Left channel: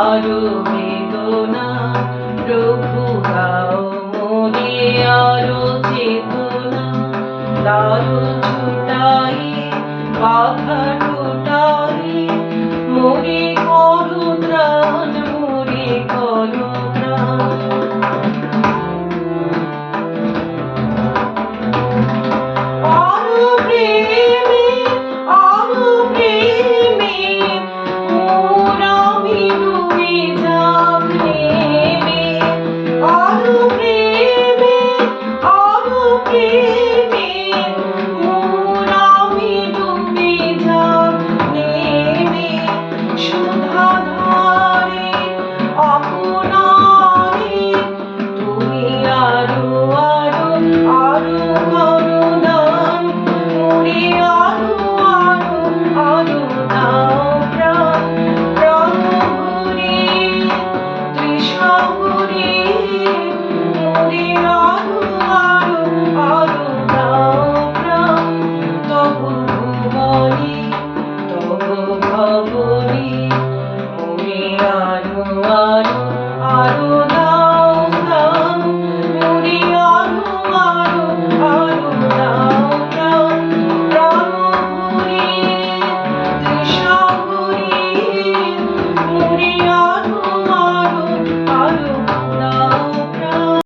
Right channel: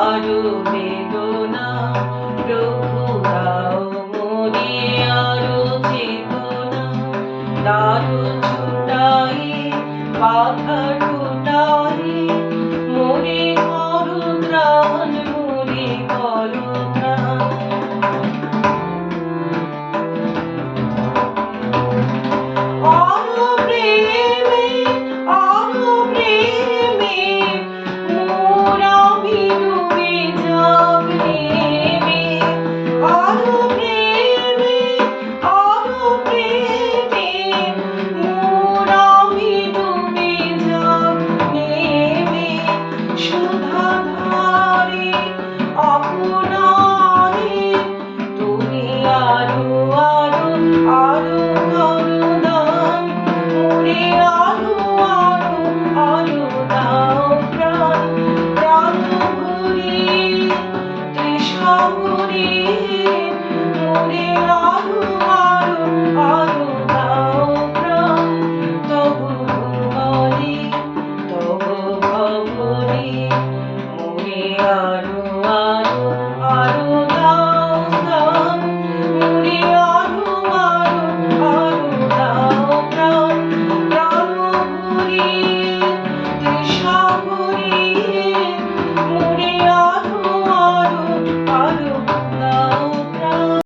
আরো বেদনা প্রভু দাও মোরে আরো চেতনা দারু ছুটাই বাধা টুটাই মোরে করো ত্রাণ মোরে করো ত্রাণ আরো প্রেমে আরো প্রেমে মোর আমি ডুবে যাব নেমে আরো প্রেমে আরো প্রেমে মোর আমি ডুবে যাব নেমে সুধা ধারে আপনারে তুমি আরো আরো আরো করো দান মোরে আরো আরো আরো দাও প্রাণ প্রাণ ভরে তৃষ্ণা ভরে মোরে আরো আরো আরো দাও প্রাণ তবু ভুবনে তবু ভবনে মোরে আরো